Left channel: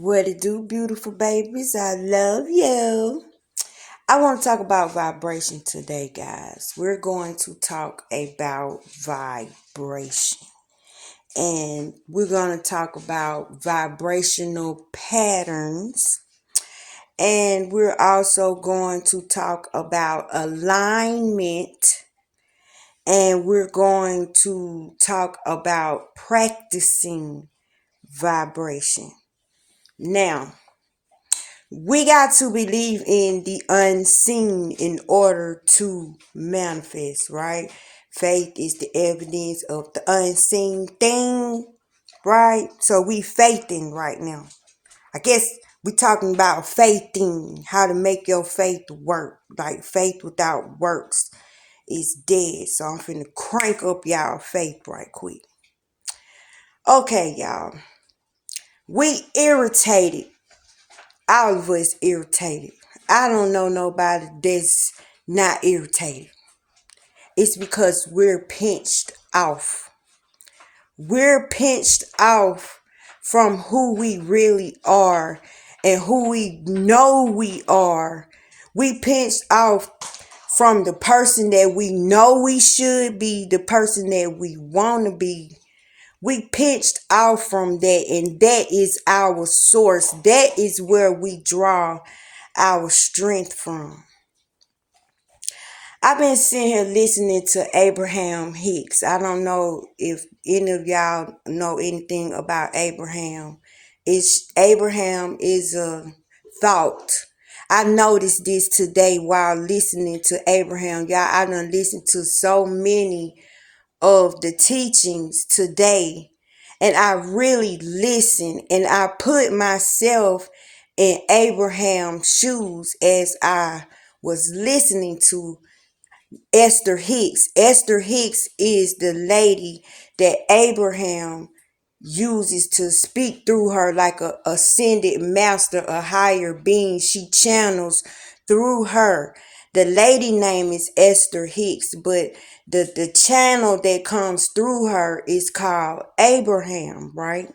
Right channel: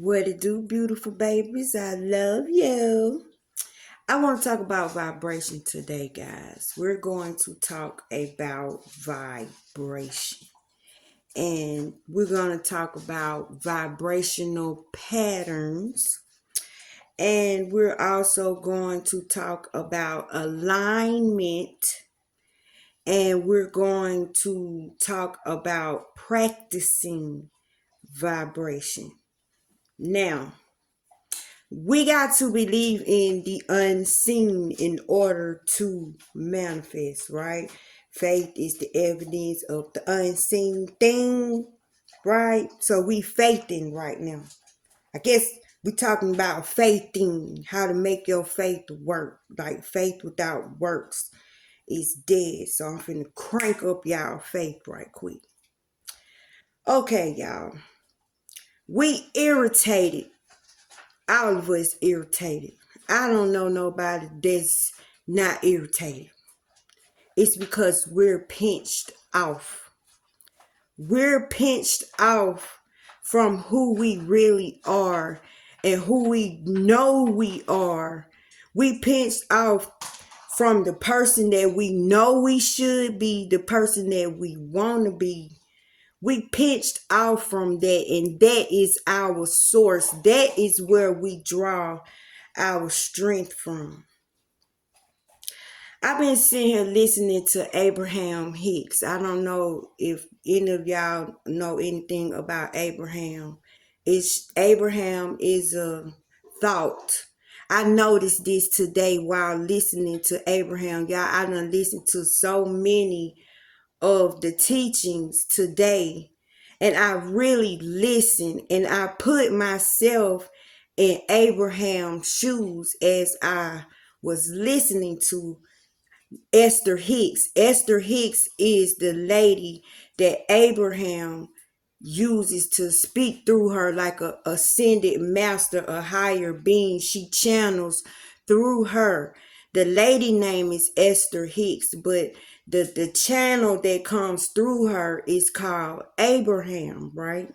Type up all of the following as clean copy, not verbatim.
What it do, beautiful babies? I love you. I want to talk about vibration today, guys. We're going to talk about vibration. And we're going to talk about vibrational patterns. And we're also going to talk about alignment. And we're going to talk about practicing vibration. Now, we got to believe in the unseen in order to manifest, right? Faith is the evidence of the unseen thing, right? So we faithing right now. I guess we talking about faithing, how to make your faith work. Like faith without works is dead. So I'm finna crank up y'all faith right quick. Okay, y'all. We irritated. All of us irritated. I don't know nobody that's not irritated. It's because we're pinched off. We're pinched off from who we really are and who we know we are. We pinched off from the person that we know we should be, the person that we want to be. We pinched off from that, and that is our source. That is where we draw our strength from. I've been sitting here listening to Abraham Hicks. I don't know if any of y'all know anything about Abraham. Abraham is a thought. I noticed this today while listening to Abraham. Y'all, I done listened to so many of the teachings today, and I really listened and I put myself in Abraham's shoes as I was listening to Esther Hicks. Esther Hicks is the lady that Abraham uses to speak through her like a ascended master, a higher being. She channels through her. The lady name is Esther Hicks, but the channel that comes through her is called Abraham, right?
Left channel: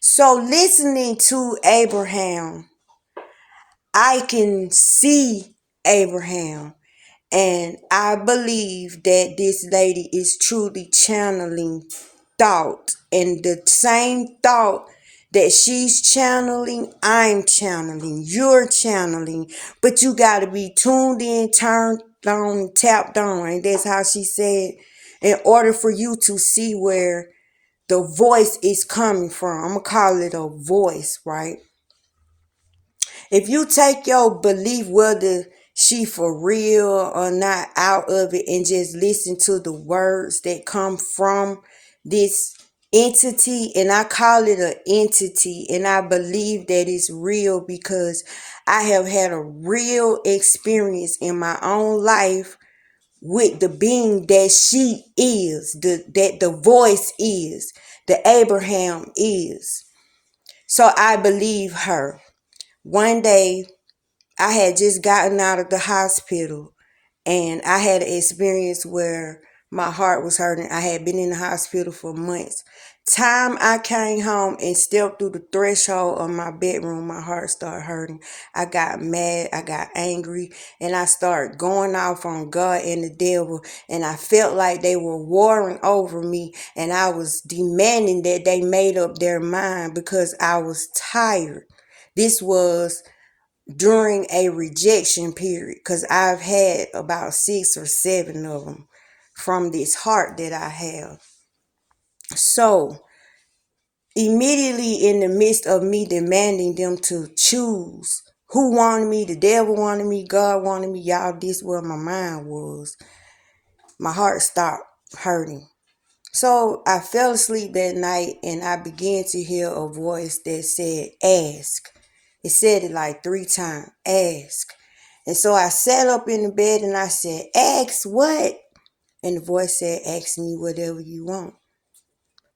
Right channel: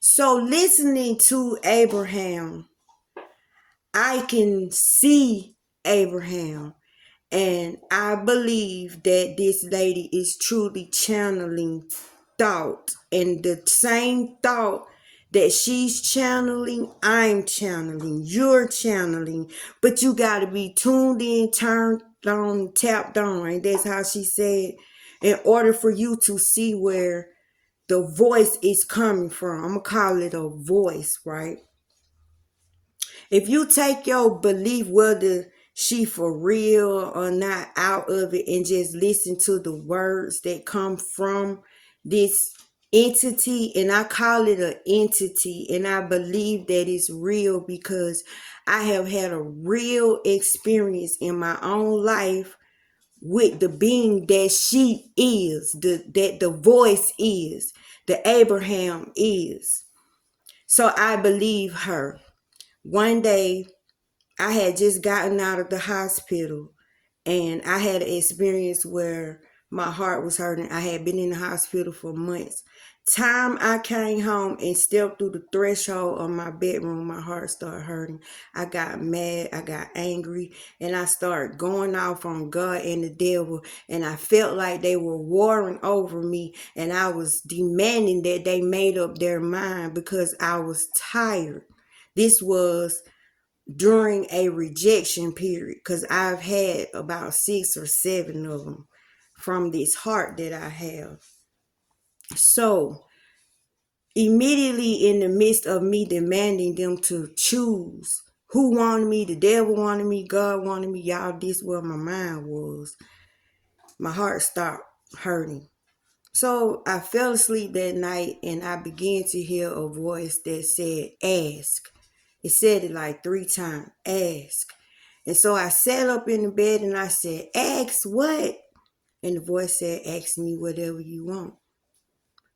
So listening to Abraham, I can see Abraham. And I believe that this lady is truly channeling thought. And the same thought that she's channeling, I'm channeling, you're channeling. But you got to be tuned in, turned on, tapped on. Right? That's how she said, in order for you to see where the voice is coming from. I'm going to call it a voice, right? If you take your belief, whether she for real or not, out of it and just listen to the words that come from this entity, and I call it an entity, and I believe that it's real because I have had a real experience in my own life with the being that she is, that the voice is, the Abraham is. So I believe her. One day I had just gotten out of the hospital, and I had an experience where my heart was hurting. I had been in the hospital for months. Time I came home and stepped through the threshold of my bedroom, my heart started hurting. I got mad, I got angry, and I started going off on God and the devil. And I felt like they were warring over me, and I was demanding that they made up their mind because I was tired. This was during a rejection period, because I've had about 6 or 7 of them from this heart that I have. So immediately in the midst of me demanding them to choose who wanted me, the devil wanted me, God wanted me, y'all, this where my mind was. My heart stopped hurting. So I fell asleep that night, and I began to hear a voice that said, ask. It said it like 3 times, ask. And so I sat up in the bed and I said, ask what? And the voice said, ask me whatever you want.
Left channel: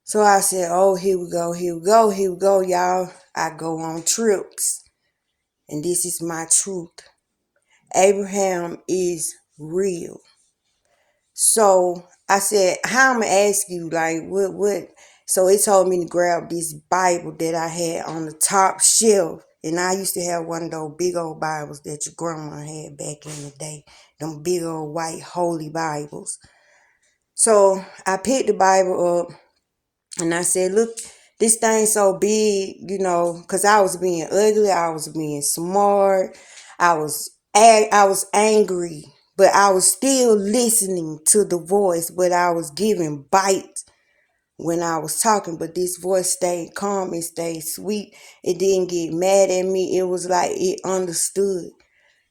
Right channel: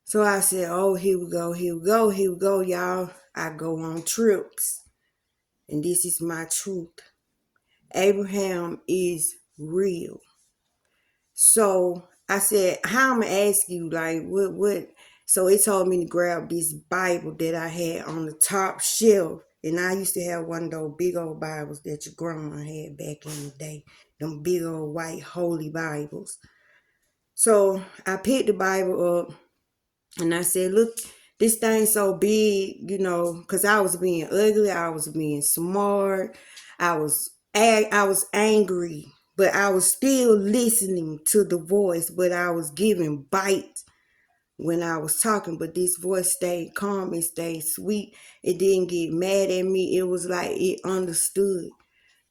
So I said, oh, here we go, here we go, here we go, y'all. I go on trips. And this is my truth. Abraham is real. So I said, how am I ask you, like, what? So it told me to grab this Bible that I had on the top shelf. And I used to have one of those big old Bibles that your grandma had back in the day. Them big old white holy Bibles. So I picked the Bible up and I said, look, this thing's so big, because I was being ugly, I was being smart, I was angry, but I was still listening to the voice, but I was giving bites when I was talking, but this voice stayed calm, it stayed sweet. It didn't get mad at me. It was like it understood.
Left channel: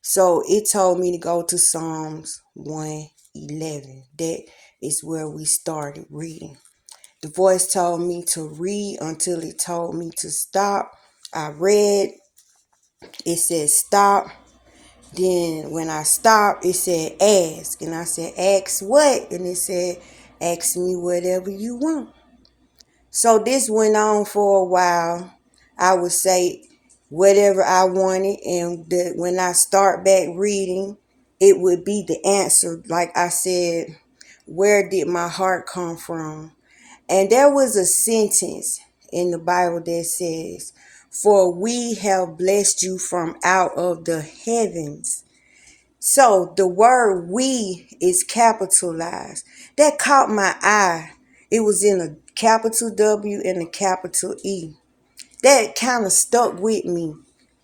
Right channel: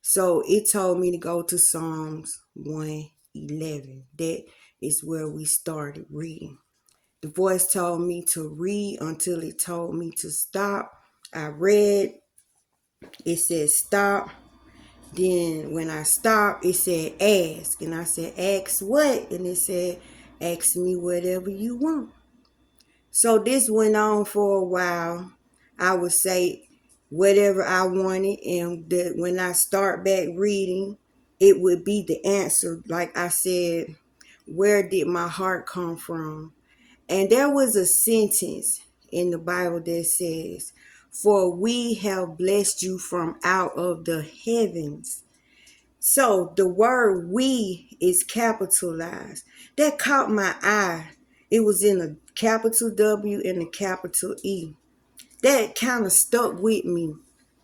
So it told me to go to Psalms 111. That is where we started reading. The voice told me to read until it told me to stop. I read, it said stop. Then when I stopped, it said ask. And I said, ask what? And it said, ask me whatever you want. So this went on for a while. I would say whatever I wanted, and when I start back reading, it would be the answer. Like I said, where did my heart come from? And there was a sentence in the Bible that says, for we have blessed you from out of the heavens. So the word we is capitalized. That caught my eye. It was in a capital W and a capital E. That kind of stuck with me.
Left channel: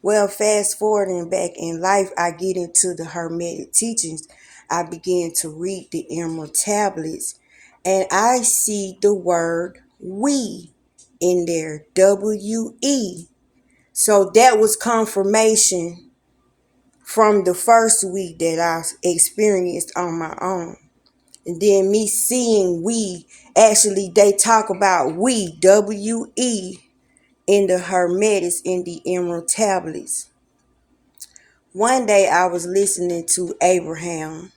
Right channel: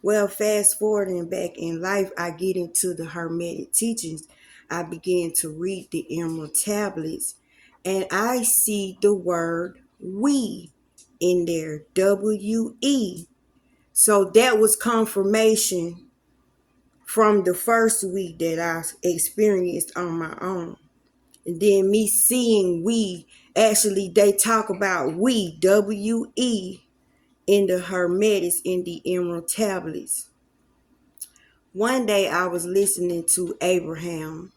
Well, fast forwarding back in life, I get into the Hermetic teachings. I began to read the Emerald tablets, and I see the word we in there, W-E. So that was confirmation from the first week that I experienced on my own. And then me seeing we, actually they talk about we, W-E, in the Hermetics, in the Emerald tablets. One day I was listening to Abraham,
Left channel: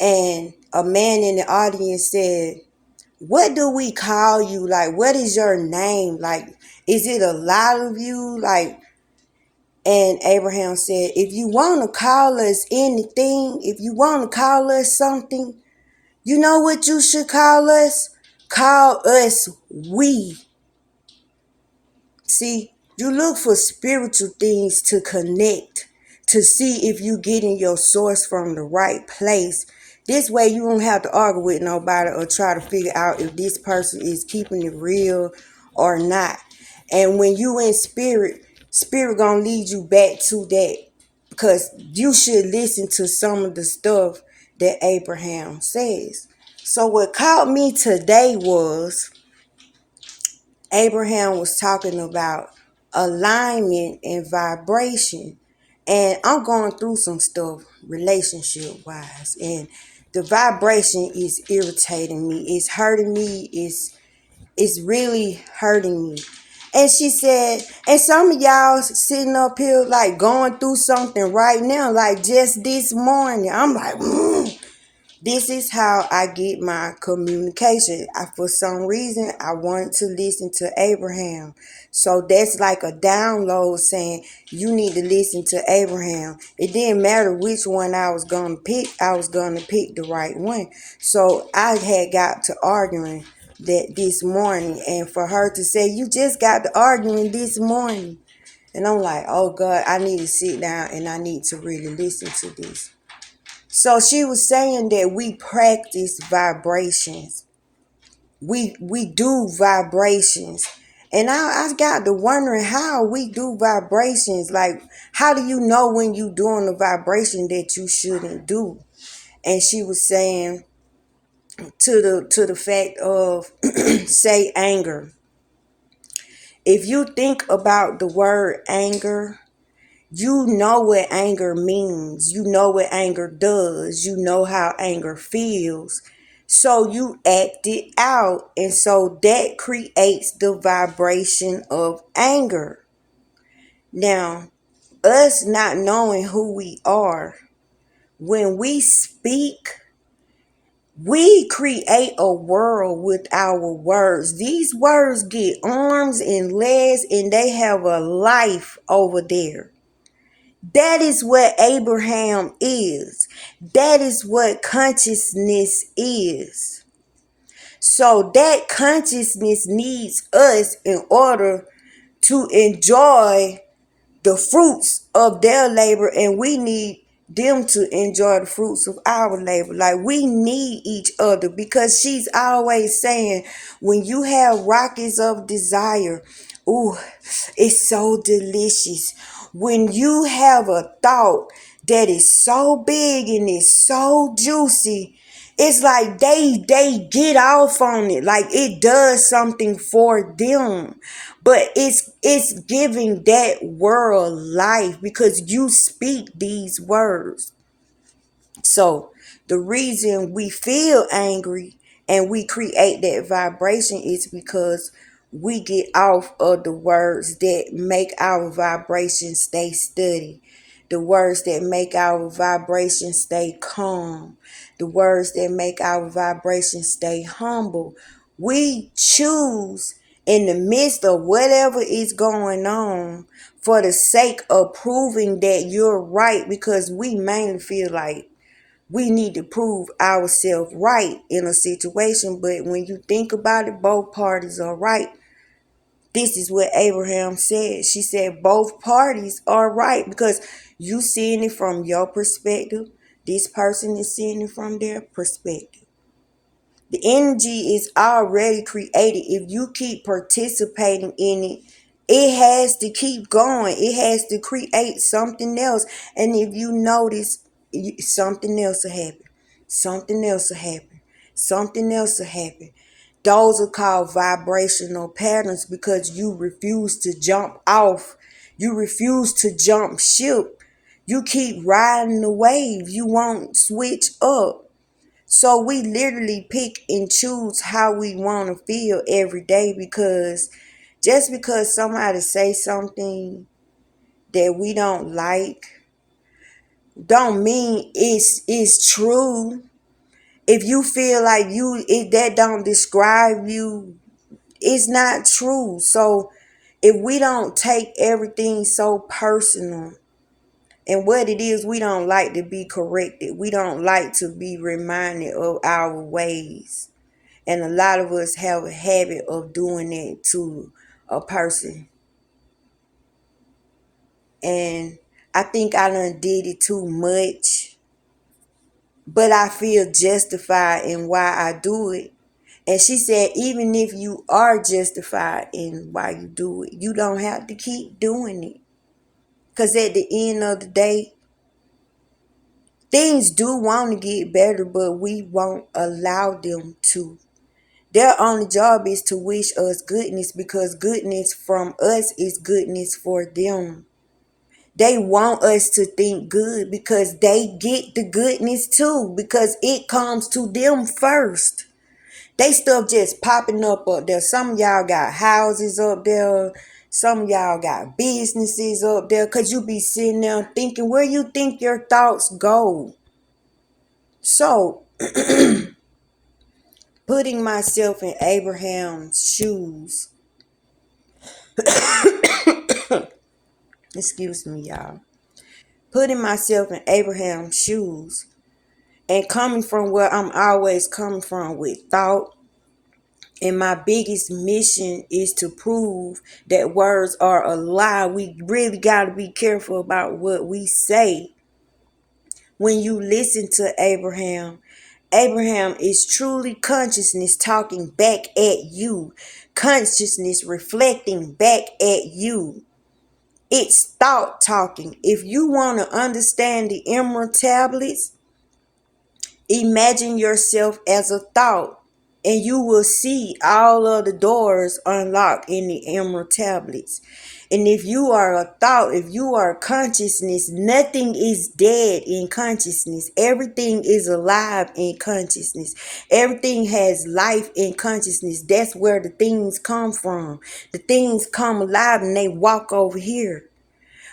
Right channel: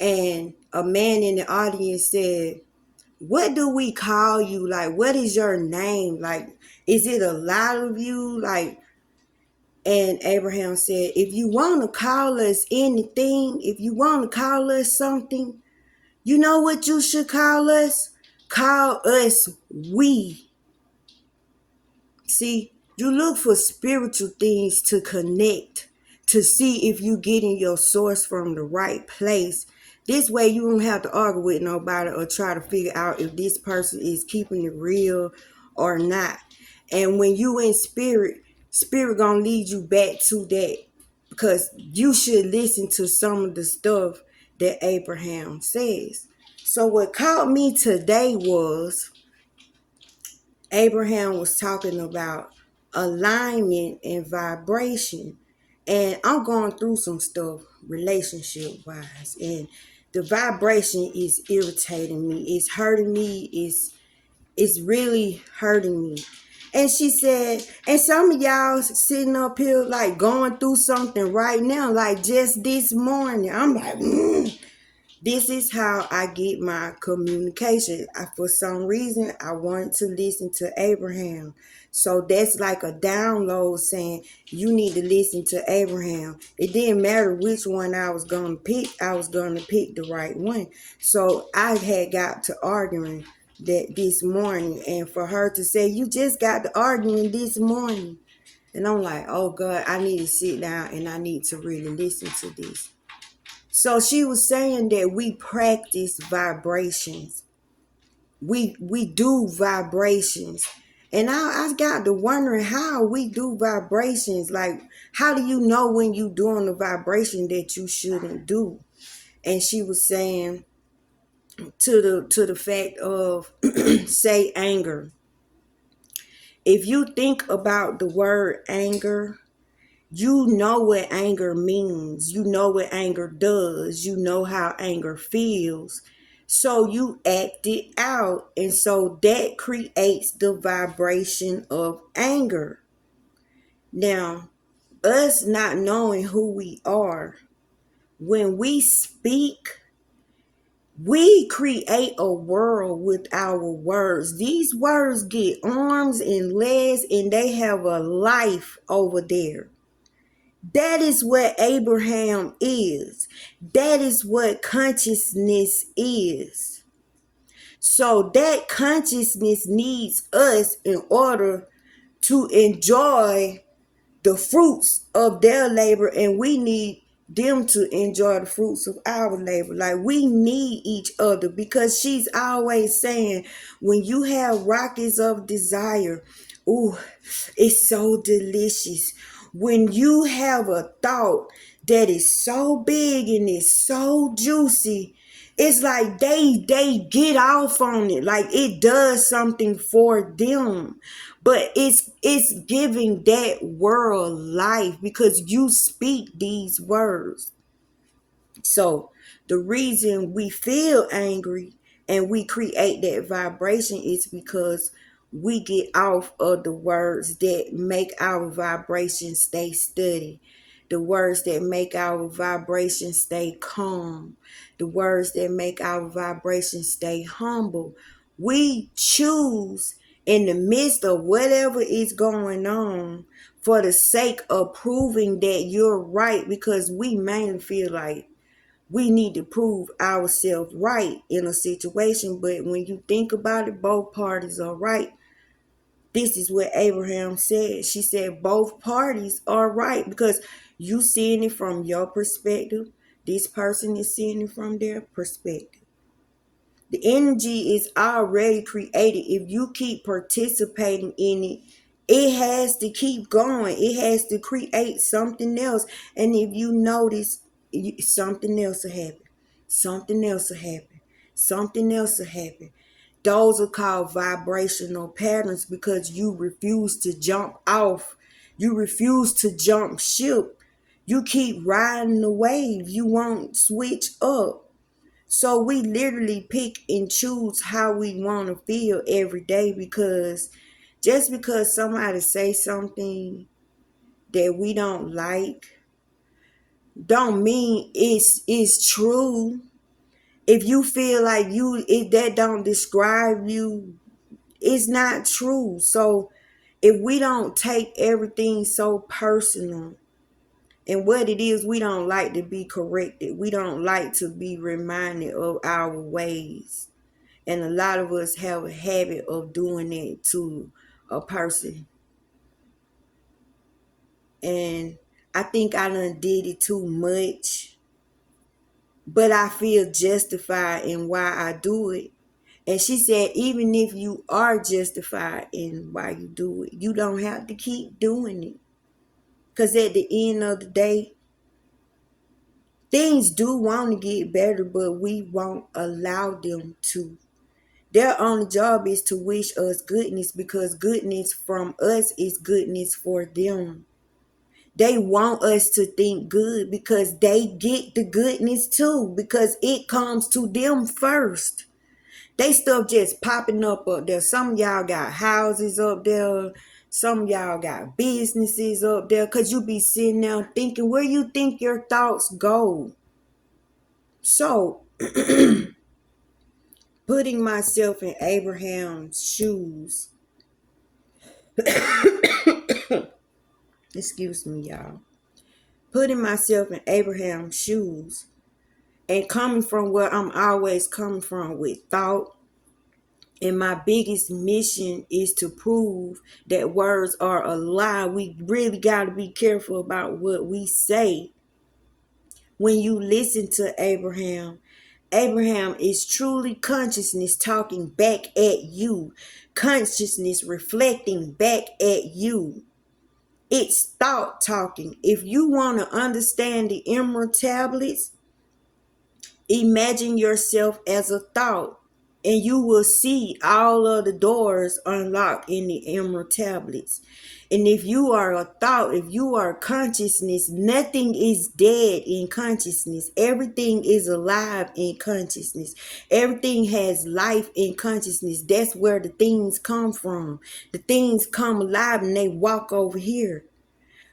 and a man in the audience said, what do we call you? Like, what is your name? Like, is it a lot of you? Like, and Abraham said, if you want to call us anything, if you want to call us something, you know what you should call us? Call us we. See, you look for spiritual things to connect, to see if you getting your source from the right place. This way you don't have to argue with nobody or try to figure out if this person is keeping it real or not. And when you in spirit gonna lead you back to that, because you should listen to some of the stuff that Abraham says. So what caught me today was Abraham was talking about alignment and vibration. And I'm going through some stuff relationship wise. And the vibration is irritating me. It's hurting me. It's really hurting me. And she said, and some of y'all sitting up here like going through something right now, like just this morning. I'm like, this is how I get my communication. For some reason, I wanted to listen to Abraham. So that's like a download saying, you need to listen to Abraham. It didn't matter which one I was going to pick. I was going to pick the right one. So I had got to arguing that this morning. And for her to say, you just got to arguing this morning. And I'm like, oh God, I need to sit down and I need to really listen to this. So she was saying that we practice vibrations. We do vibrations. And I got to wondering how we do vibrations. Like, how do you know when you doing a vibration that you shouldn't do? And she was saying to the fact of say anger. If you think about the word anger, you know what anger means. You know what anger does. You know how anger feels. So you act it out. And so that creates the vibration of anger. Now, us not knowing who we are, when we speak, we create a world with our words. These words get arms and legs and they have a life over there. That is what Abraham is. That is what consciousness is. So that consciousness needs us in order to enjoy the fruits of their labor, and we need them to enjoy the fruits of our labor. Like, we need each other, because she's always saying, when you have rockets of desire, ooh, it's so delicious. When you have a thought that is so big and it's so juicy, it's like they get off on it, like it does something for them. But it's giving that world life because you speak these words. So the reason we feel angry and we create that vibration is because we get off of the words that make our vibration stay steady, the words that make our vibration stay calm, the words that make our vibration stay humble. We choose, in the midst of whatever is going on, for the sake of proving that you're right, because we mainly feel like we need to prove ourselves right in a situation. But when you think about it, both parties are right. This is what Abraham said. She said both parties are right, because you seeing it from your perspective, this person is seeing it from their perspective. The energy is already created. If you keep participating in it, it has to keep going. It has to create something else. And if you notice, something else will happen. Something else will happen. Something else will happen. Those are called vibrational patterns, because you refuse to jump off. You refuse to jump ship. You keep riding the wave. You won't switch up. So we literally pick and choose how we want to feel every day, because just because somebody say something that we don't like don't mean it's true. If you feel like that don't describe you, it's not true. So if we don't take everything so personal, and what it is, we don't like to be corrected. We don't like to be reminded of our ways. And a lot of us have a habit of doing it to a person. And I think I done did it too much. But I feel justified in why I do it. And she said, even if you are justified in why you do it, you don't have to keep doing it. Because at the end of the day, things do want to get better, but we won't allow them to. Their only job is to wish us goodness, because goodness from us is goodness for them. They want us to think good because they get the goodness too, because it comes to them first. They stuff just popping up there. Some of y'all got houses up there. Some of y'all got businesses up there, because you be sitting there thinking, where you think your thoughts go? So, putting myself in Abraham's shoes, excuse me, y'all. Putting myself in Abraham's shoes and coming from where I'm always coming from with thought. And my biggest mission is to prove that words are a lie. We really got to be careful about what we say. When you listen to Abraham, Abraham is truly consciousness talking back at you, consciousness reflecting back at you. It's thought talking. If you want to understand the emerald tablets, imagine yourself as a thought, and you will see all of the doors unlocked in the emerald tablets. And if you are a thought, if you are consciousness, nothing is dead in consciousness. Everything is alive in consciousness. Everything has life in consciousness. That's where the things come from. The things come alive and they walk over here.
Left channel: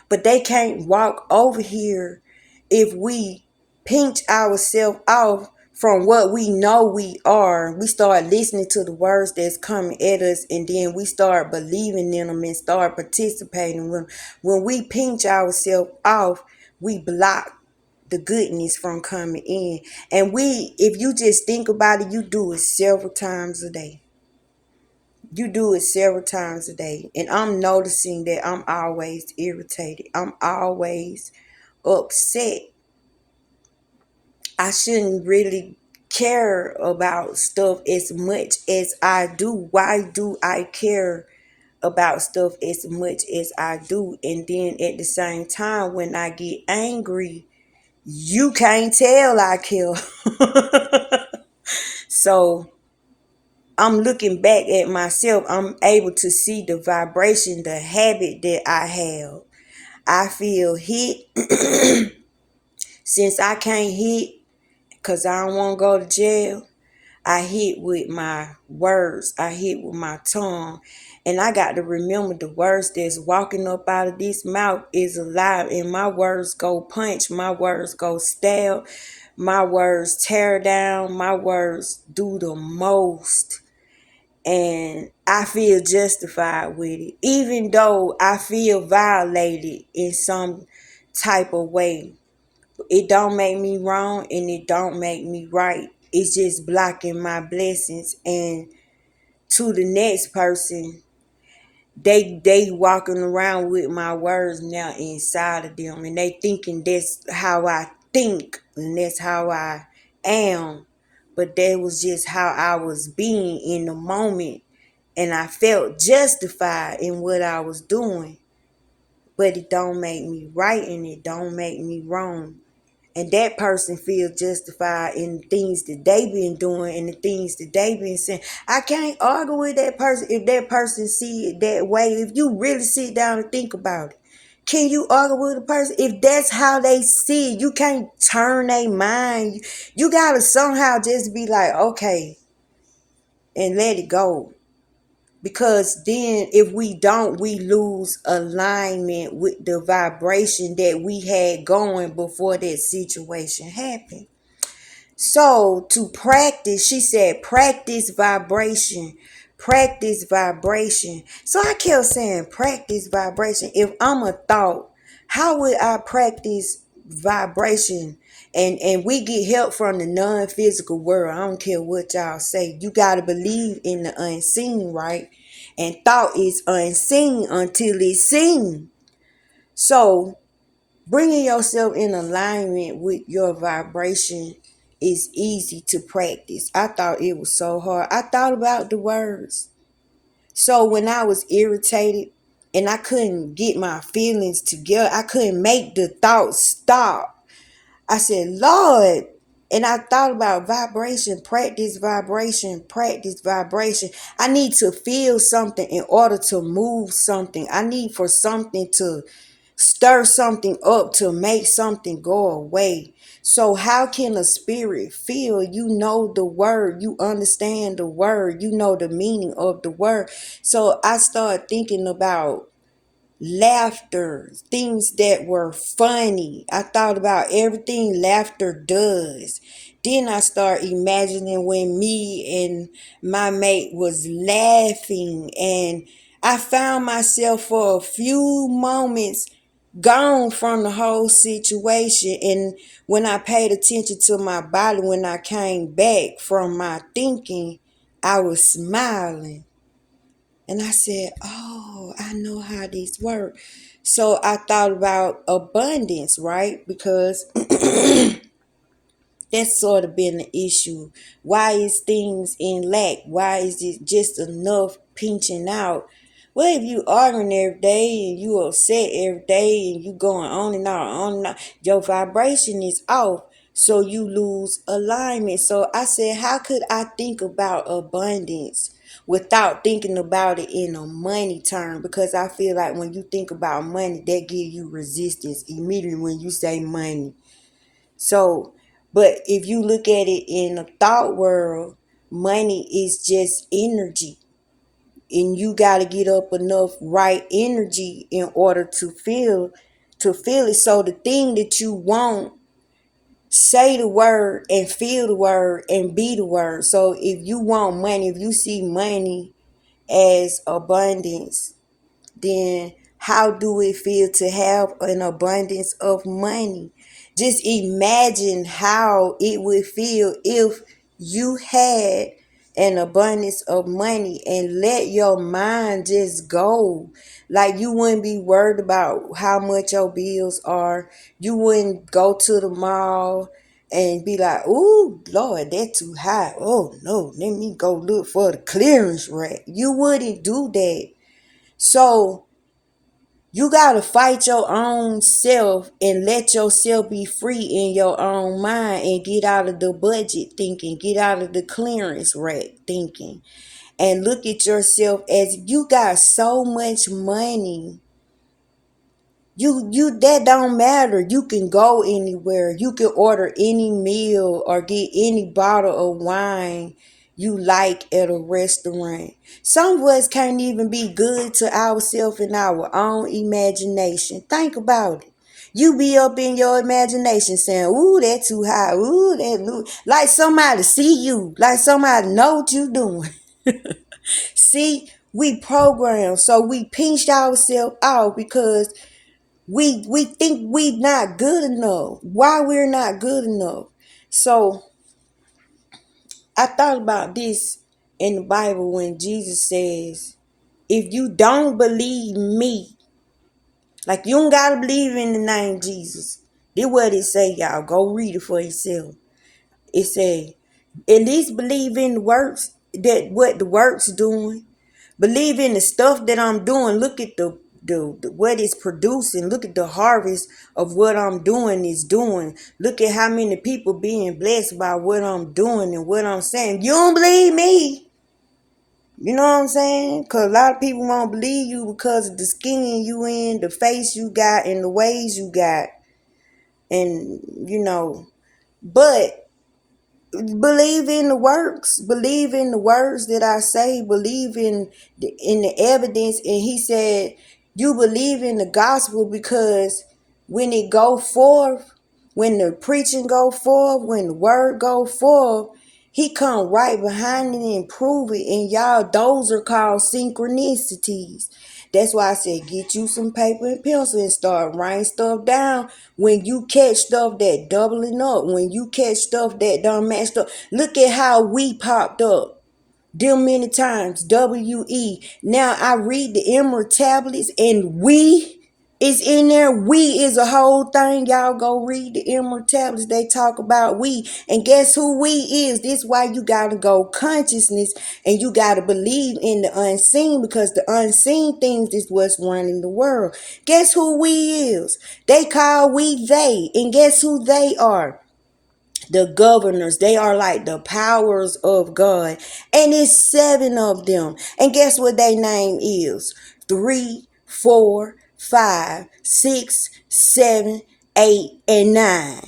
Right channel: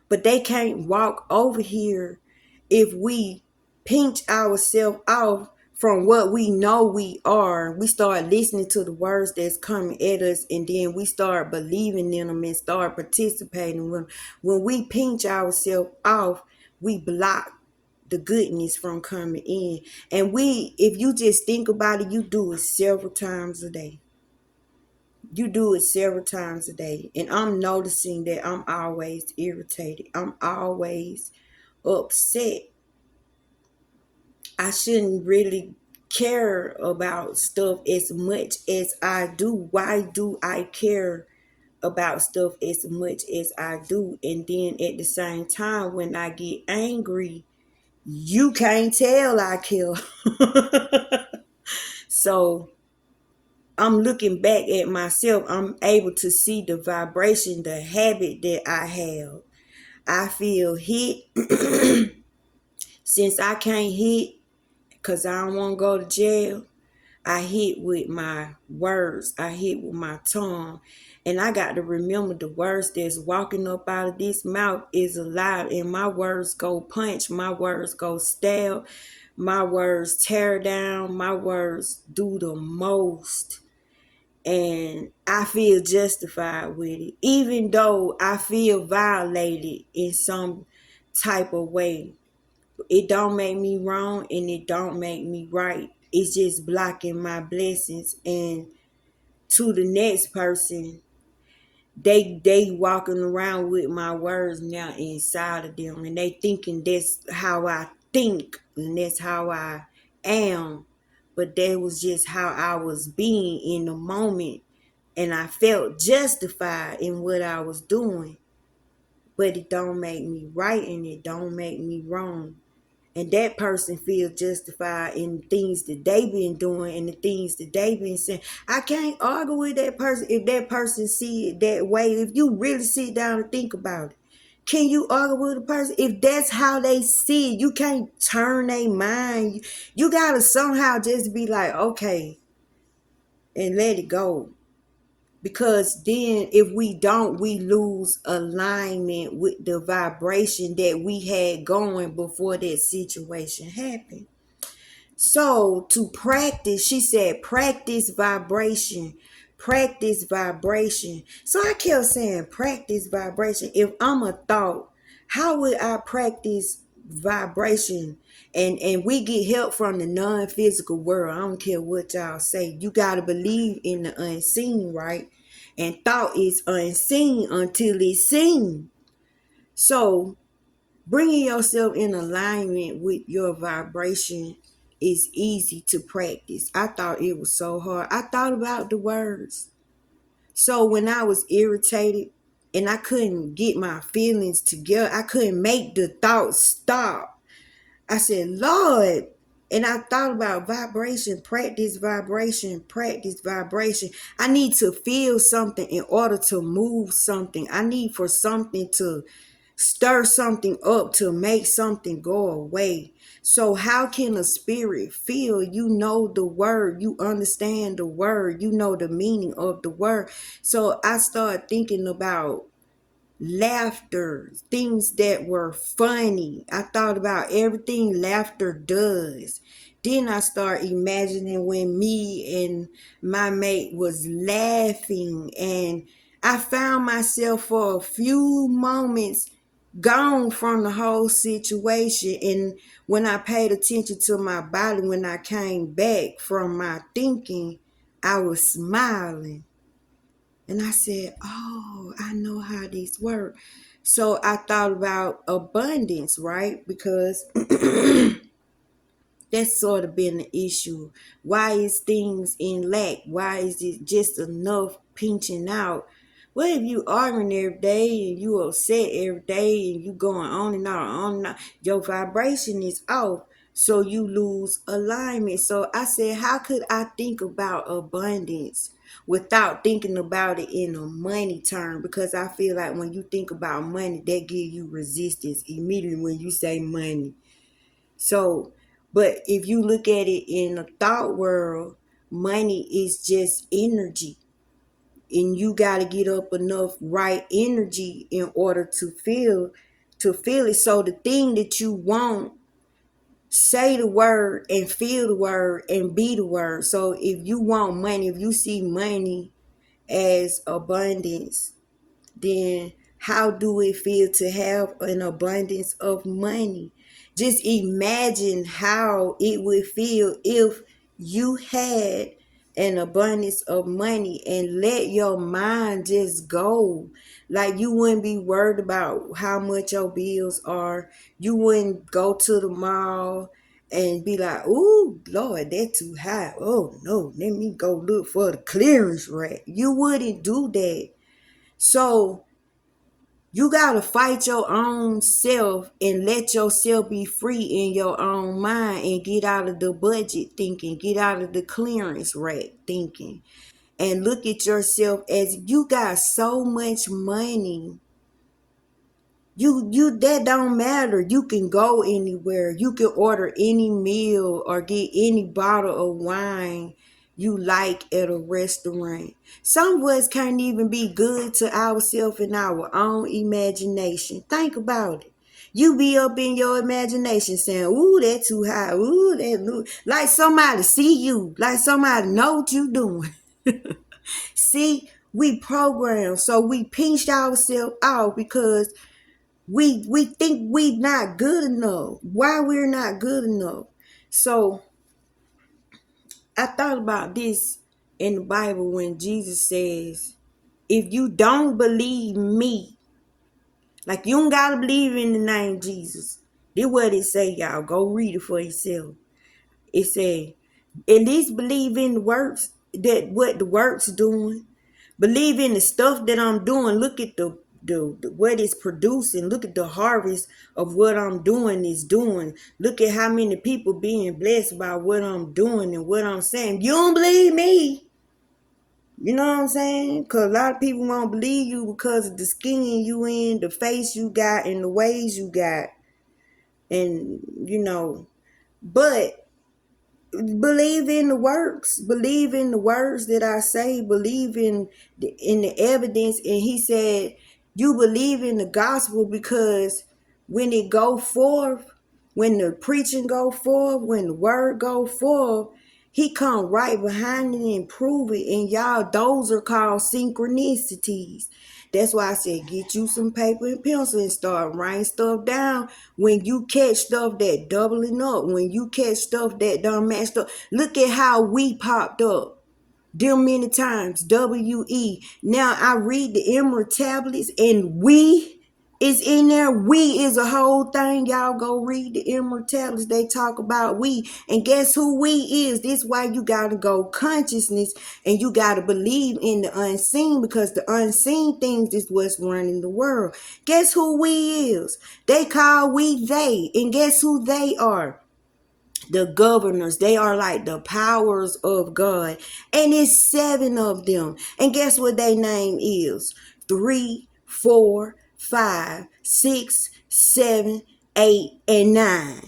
But they can't walk over here if we pinch ourselves off from what we know we are. We start listening to the words that's coming at us, and then we start believing in them and start participating. When we pinch ourselves off, we block the goodness from coming in. And if you just think about it, you do it several times a day. You do it several times a day. And I'm noticing that I'm always irritated. I'm always upset. I shouldn't really care about stuff as much as I do. Why do I care about stuff as much as I do? And then at the same time, when I get angry, you can't tell I care. So I'm looking back at myself. I'm able to see the vibration, the habit that I have. I feel hit. Since I can't hit because I don't want to go to jail, I hit with my words. I hit with my tongue. And I got to remember the words that's walking up out of this mouth is alive. And my words go punch. My words go stab. My words tear down. My words do the most. And I feel justified with it. Even though I feel violated in some type of way. It don't make me wrong and it don't make me right. It's just blocking my blessings. And to the next person, they walking around with my words now inside of them, and they thinking that's how I think and that's how I am. But that was just how I was being in the moment, and I felt justified in what I was doing. But it don't make me right and it don't make me wrong. And that person feels justified in things that they been doing and the things that they been saying. I can't argue with that person if that person see it that way. If you really sit down and think about it, can you argue with a person if that's how they see it? You can't turn their mind. You gotta somehow just be like, okay, and let it go. Because then if we don't, we lose alignment with the vibration that we had going before that situation happened. So to practice, she said, practice vibration, practice vibration. So I kept saying, practice vibration. If I'm a thought, how would I practice vibration? And we get help from the non-physical world. I don't care what y'all say. You got to believe in the unseen, right? And thought is unseen until it's seen. So bringing yourself in alignment with your vibration is easy to practice. I thought it was so hard. I thought about the words. So when I was irritated and I couldn't get my feelings together, I couldn't make the thoughts stop. I said, Lord, and I thought about vibration, practice vibration. I need to feel something in order to move something. I need for something to stir something up to make something go away. So how can a spirit feel? You know the word, you understand the word, you know the meaning of the word. So I started thinking about laughter, things that were funny. I thought about everything laughter does. Then I start imagining when me and my mate was laughing, and I found myself for a few moments gone from the whole situation. And when I paid attention to my body, when I came back from my thinking, I was smiling. And I said, oh, I know how these work. So I thought about abundance, right? Because that's sort of been the issue. Why is things in lack? Why is it just enough pinching out? Well, if you arguing every day and you upset every day and you going on and on, your vibration is off. So you lose alignment. So I said, how could I think about abundance without thinking about it in a money term? Because I feel like when you think about money, that gives you resistance immediately when you say money. So, but if you look at it in a thought world, money is just energy. And you got to get up enough right energy in order to feel it. So the thing that you want, say the word and feel the word and be the word. So if you want money, if you see money as abundance, then how do it feel to have an abundance of money? Just imagine how it would feel if you had an abundance of money and let your mind just go. Like, you wouldn't be worried about how much your bills are. You wouldn't go to the mall and be like, "Ooh, Lord, that's too high. Oh no, let me go look for the clearance rack." You wouldn't do that. So you gotta fight your own self and let yourself be free in your own mind and get out of the budget thinking, get out of the clearance rack thinking, and look at yourself as you got so much money. You that don't matter. You can go anywhere. You can order any meal or get any bottle of wine you like at a restaurant. Some of us can't even be good to ourselves in our own imagination. Think about it. You be up in your imagination saying, "Ooh, that too high. Ooh, that look," like somebody see you, like somebody know what you doing. See, we programmed, so we pinched ourselves out because we think we not good enough. Why we're not good enough? So I thought about this in the Bible when Jesus says, if you don't believe me, like, you don't gotta believe in the name Jesus. This what it say, y'all. Go read it for yourself. It say, at least believe in the works, that what the works doing. Believe in the stuff that I'm doing. Look at the what it's producing. Look at the harvest of what I'm doing is doing. Look at how many people being blessed by what I'm doing and what I'm saying. You don't believe me. You know what I'm saying? Because a lot of people won't believe you because of the skin you in, the face you got, and the ways you got. And, but believe in the works, believe in the words that I say, believe in the evidence. And he said, you believe in the gospel because when it go forth, when the preaching go forth, when the word go forth, he come right behind it and prove it. And y'all, those are called synchronicities. That's why I said, get you some paper and pencil and start writing stuff down. When you catch stuff that doubling up, when you catch stuff that done matched up, look at how we popped up them many times. W-E. Now I read the Emerald tablets and we is in there. We is a whole thing. Y'all go read the Emerald tablets. They talk about we. And guess who we is? This why you gotta go consciousness and you gotta believe in the unseen, because the unseen things is what's running the world. Guess who we is? They call we they. And guess who they are? The governors. They are like the powers of God, and it's 7 of them. And guess what their name is? 3, 4, 5, 6, 7, 8, and 9.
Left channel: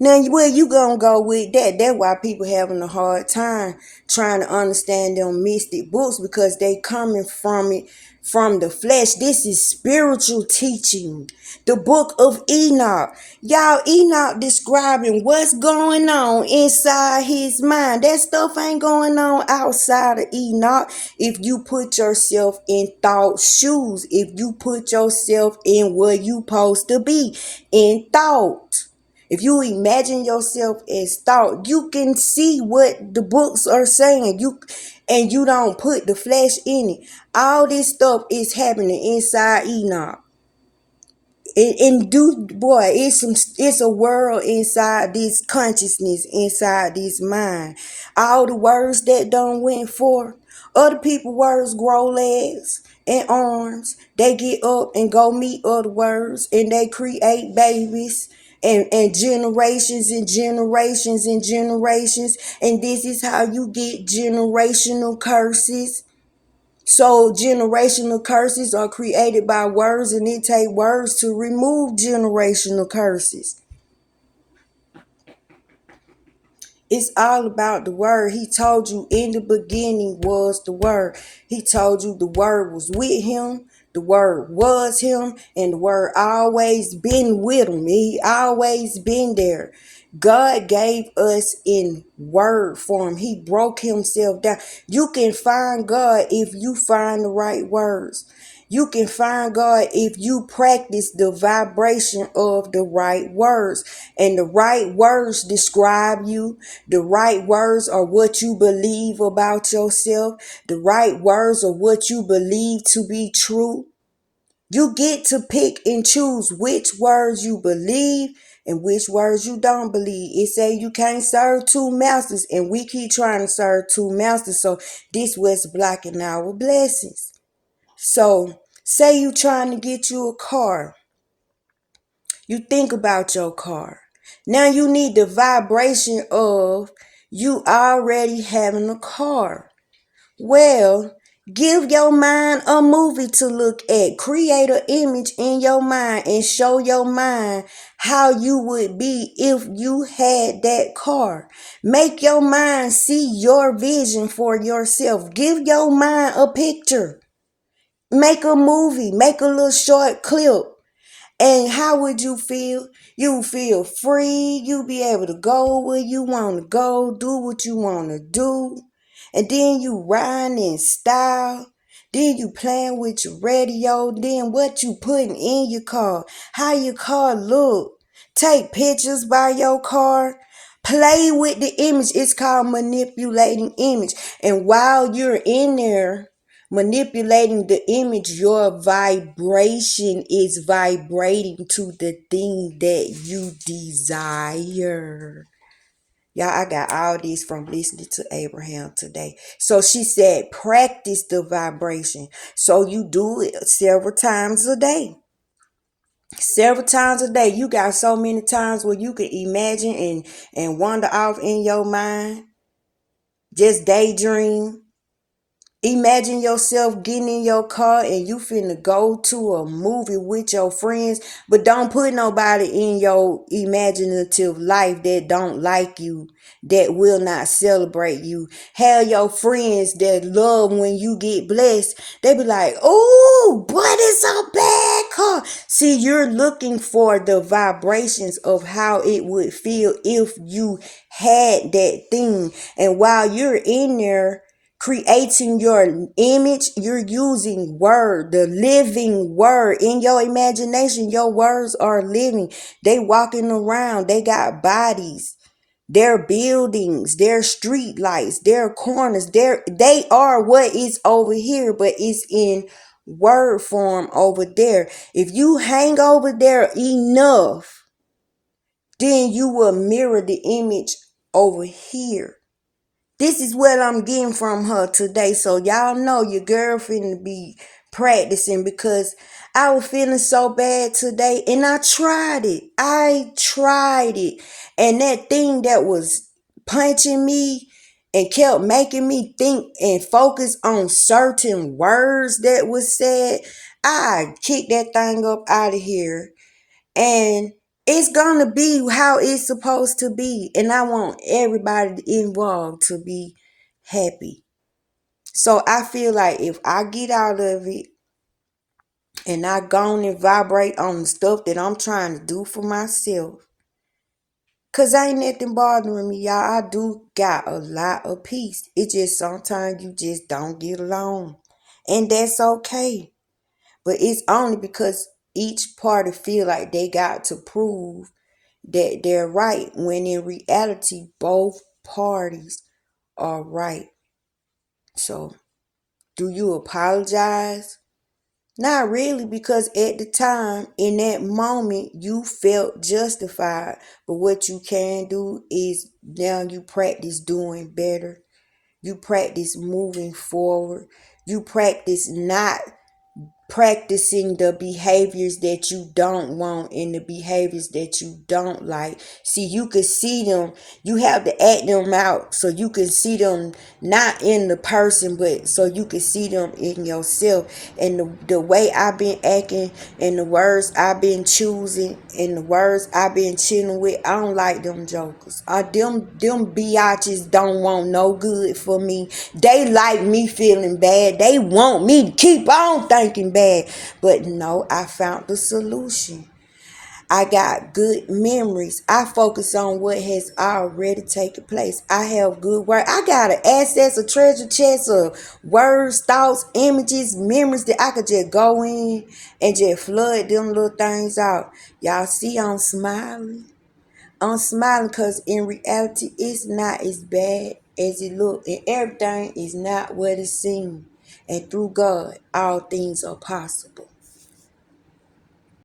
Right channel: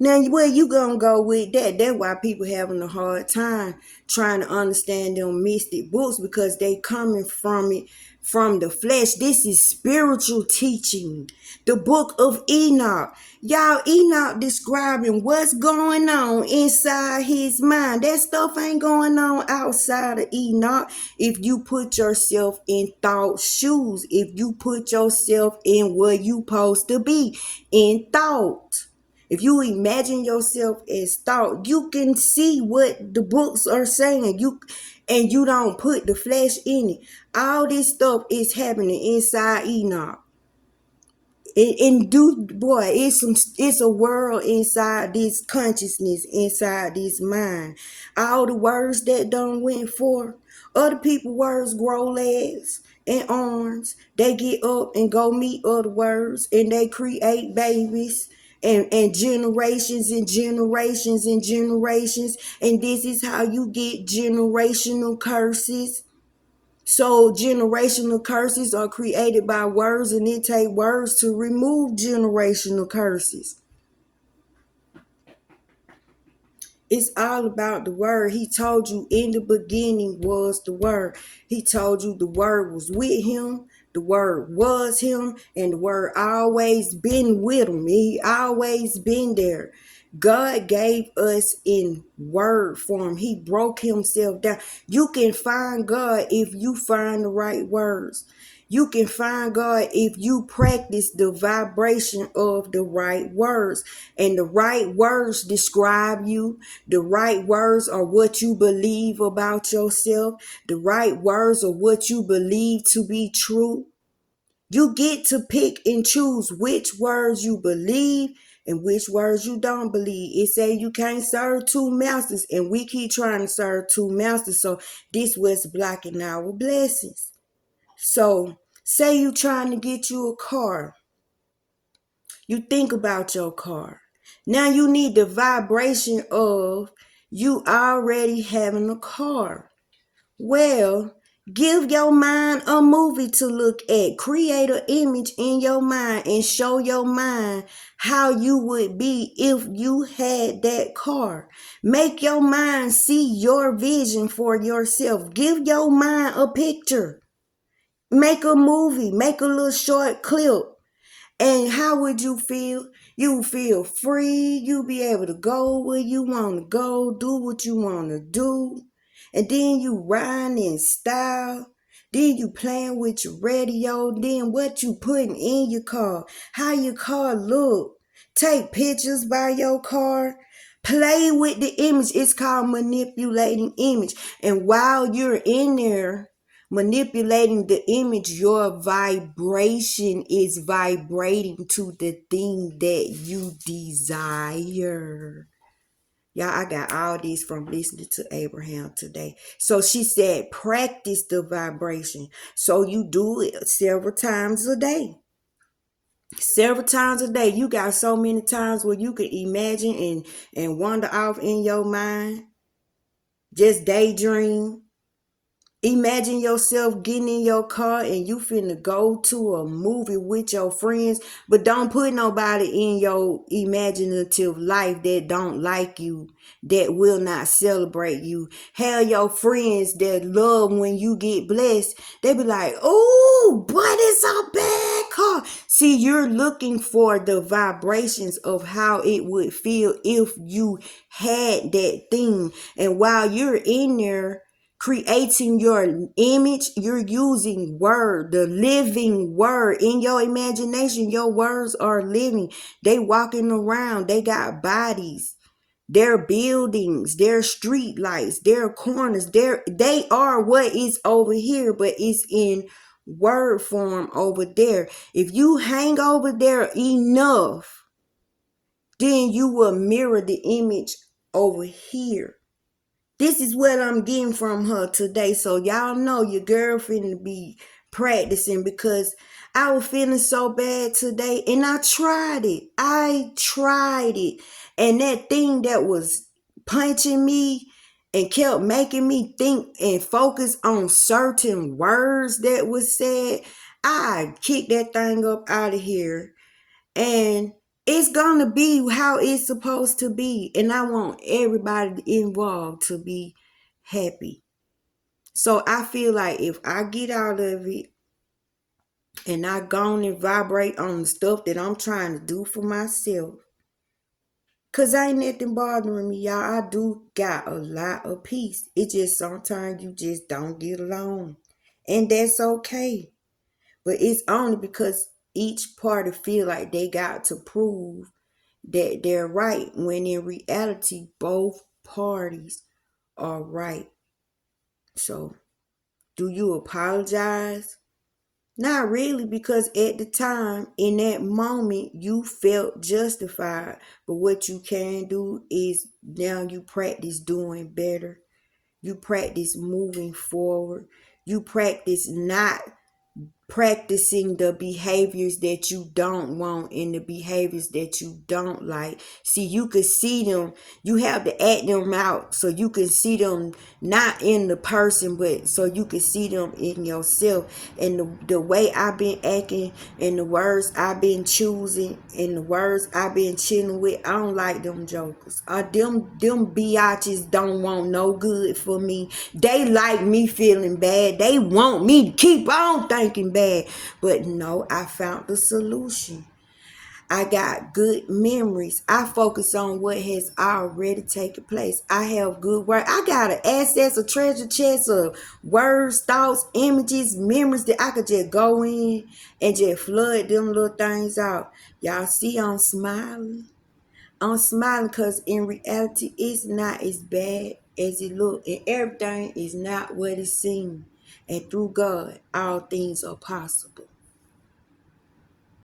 Now, where you gonna go with that? That's why people having a hard time trying to understand them mystic books, because they coming from it from the flesh. This is spiritual teaching. The book of Enoch. Y'all, Enoch describing what's going on inside his mind. That stuff ain't going on outside of Enoch. If you put yourself in thought shoes, if you put yourself in where you supposed to be, in thought. If you imagine yourself as thought, you can see what the books are saying. And you don't put the flesh in it. All this stuff is happening inside Enoch. Boy, it's a world inside this consciousness, inside this mind. All the words that done went forth, other people words grow legs and arms. They get up and go meet other words and they create babies and generations and generations and generations. And this is how you get generational curses. So generational curses are created by words, and it takes words to remove generational curses. It's all about the word. He told you in the beginning was the word. He told you the word was with him. The word was him, and the word always been with him. He always been there. God gave us in word form. He broke himself down. You can find God if you find the right words. You can find God if you practice the vibration of the right words. And the right words describe you. The right words are what you believe about yourself. The right words are what you believe to be true. You get to pick and choose which words you believe and which words you don't believe. It say you can't serve two masters, and we keep trying to serve two masters. So this was blocking our blessings. So say you trying to get you a car. You think about your car. Now you need the vibration of you already having a car. Well, give your mind a movie to look at. Create an image in your mind and show your mind how you would be if you had that car. Make your mind see your vision for yourself. Give your mind a picture. Make a movie. Make a little short clip. And how would you feel? You feel free. You be able to go where you want to go, do what you want to do. And then you riding in style. Then you playing with your radio. Then what you putting in your car. How your car look. Take pictures by your car. Play with the image. It's called manipulating image. And while you're in there manipulating the image, your vibration is vibrating to the thing that you desire. Y'all, I got all these from listening to Abraham today. So she said, practice the vibration. So you do it several times a day. Several times a day. You got so many times where you can imagine and wander off in your mind. Just daydream. Imagine yourself getting in your car and you finna go to a movie with your friends, but don't put nobody in your imaginative life that don't like you, that will not celebrate you. Have your friends that love when you get blessed. They be like, oh, but it's a bad car. See, you're looking for the vibrations of how it would feel if you had that thing. And while you're in there, creating your image, you're using word, the living word in your imagination. Your words are living. They walking around. They got bodies. They're buildings. They're street lights. They're corners. They are what is over here, but it's in word form over there. If you hang over there enough, then you will mirror the image over here. This is what I'm getting from her today. So y'all know your girlfriend be practicing, because I was feeling so bad today and I tried it. And that thing that was punching me and kept making me think and focus on certain words that was said, I kicked that thing up out of here. And it's gonna be how it's supposed to be. And I want everybody involved to be happy. So I feel like if I get out of it and I go on and vibrate on the stuff that I'm trying to do for myself, cause ain't nothing bothering me, y'all. I do got a lot of peace. It just sometimes you just don't get along. And that's okay. But it's only because each party feel like they got to prove that they're right, when in reality both parties are right. So do you apologize? Not really, because at the time, in that moment, you felt justified. But what you can do is now you practice doing better. You practice moving forward. You practice not practicing the behaviors that you don't want and the behaviors that you don't like. See, you can see them. You have to act them out so you can see them, not in the person, but so you can see them in yourself. And the way I've been acting and the words I've been choosing and the words I've been chilling with, I don't like them jokers. Them biatches don't want no good for me. They like me feeling bad. They want me to keep on thinking bad. But no, I found the solution. I got good memories. I focus on what has already taken place. I have good work. I got an access, a treasure chest of words, thoughts, images, memories that I could just go in and just flood them little things out. Y'all see I'm smiling? I'm smiling because in reality, it's not as bad as it look, and everything is not what it seems. And through God, all things are possible.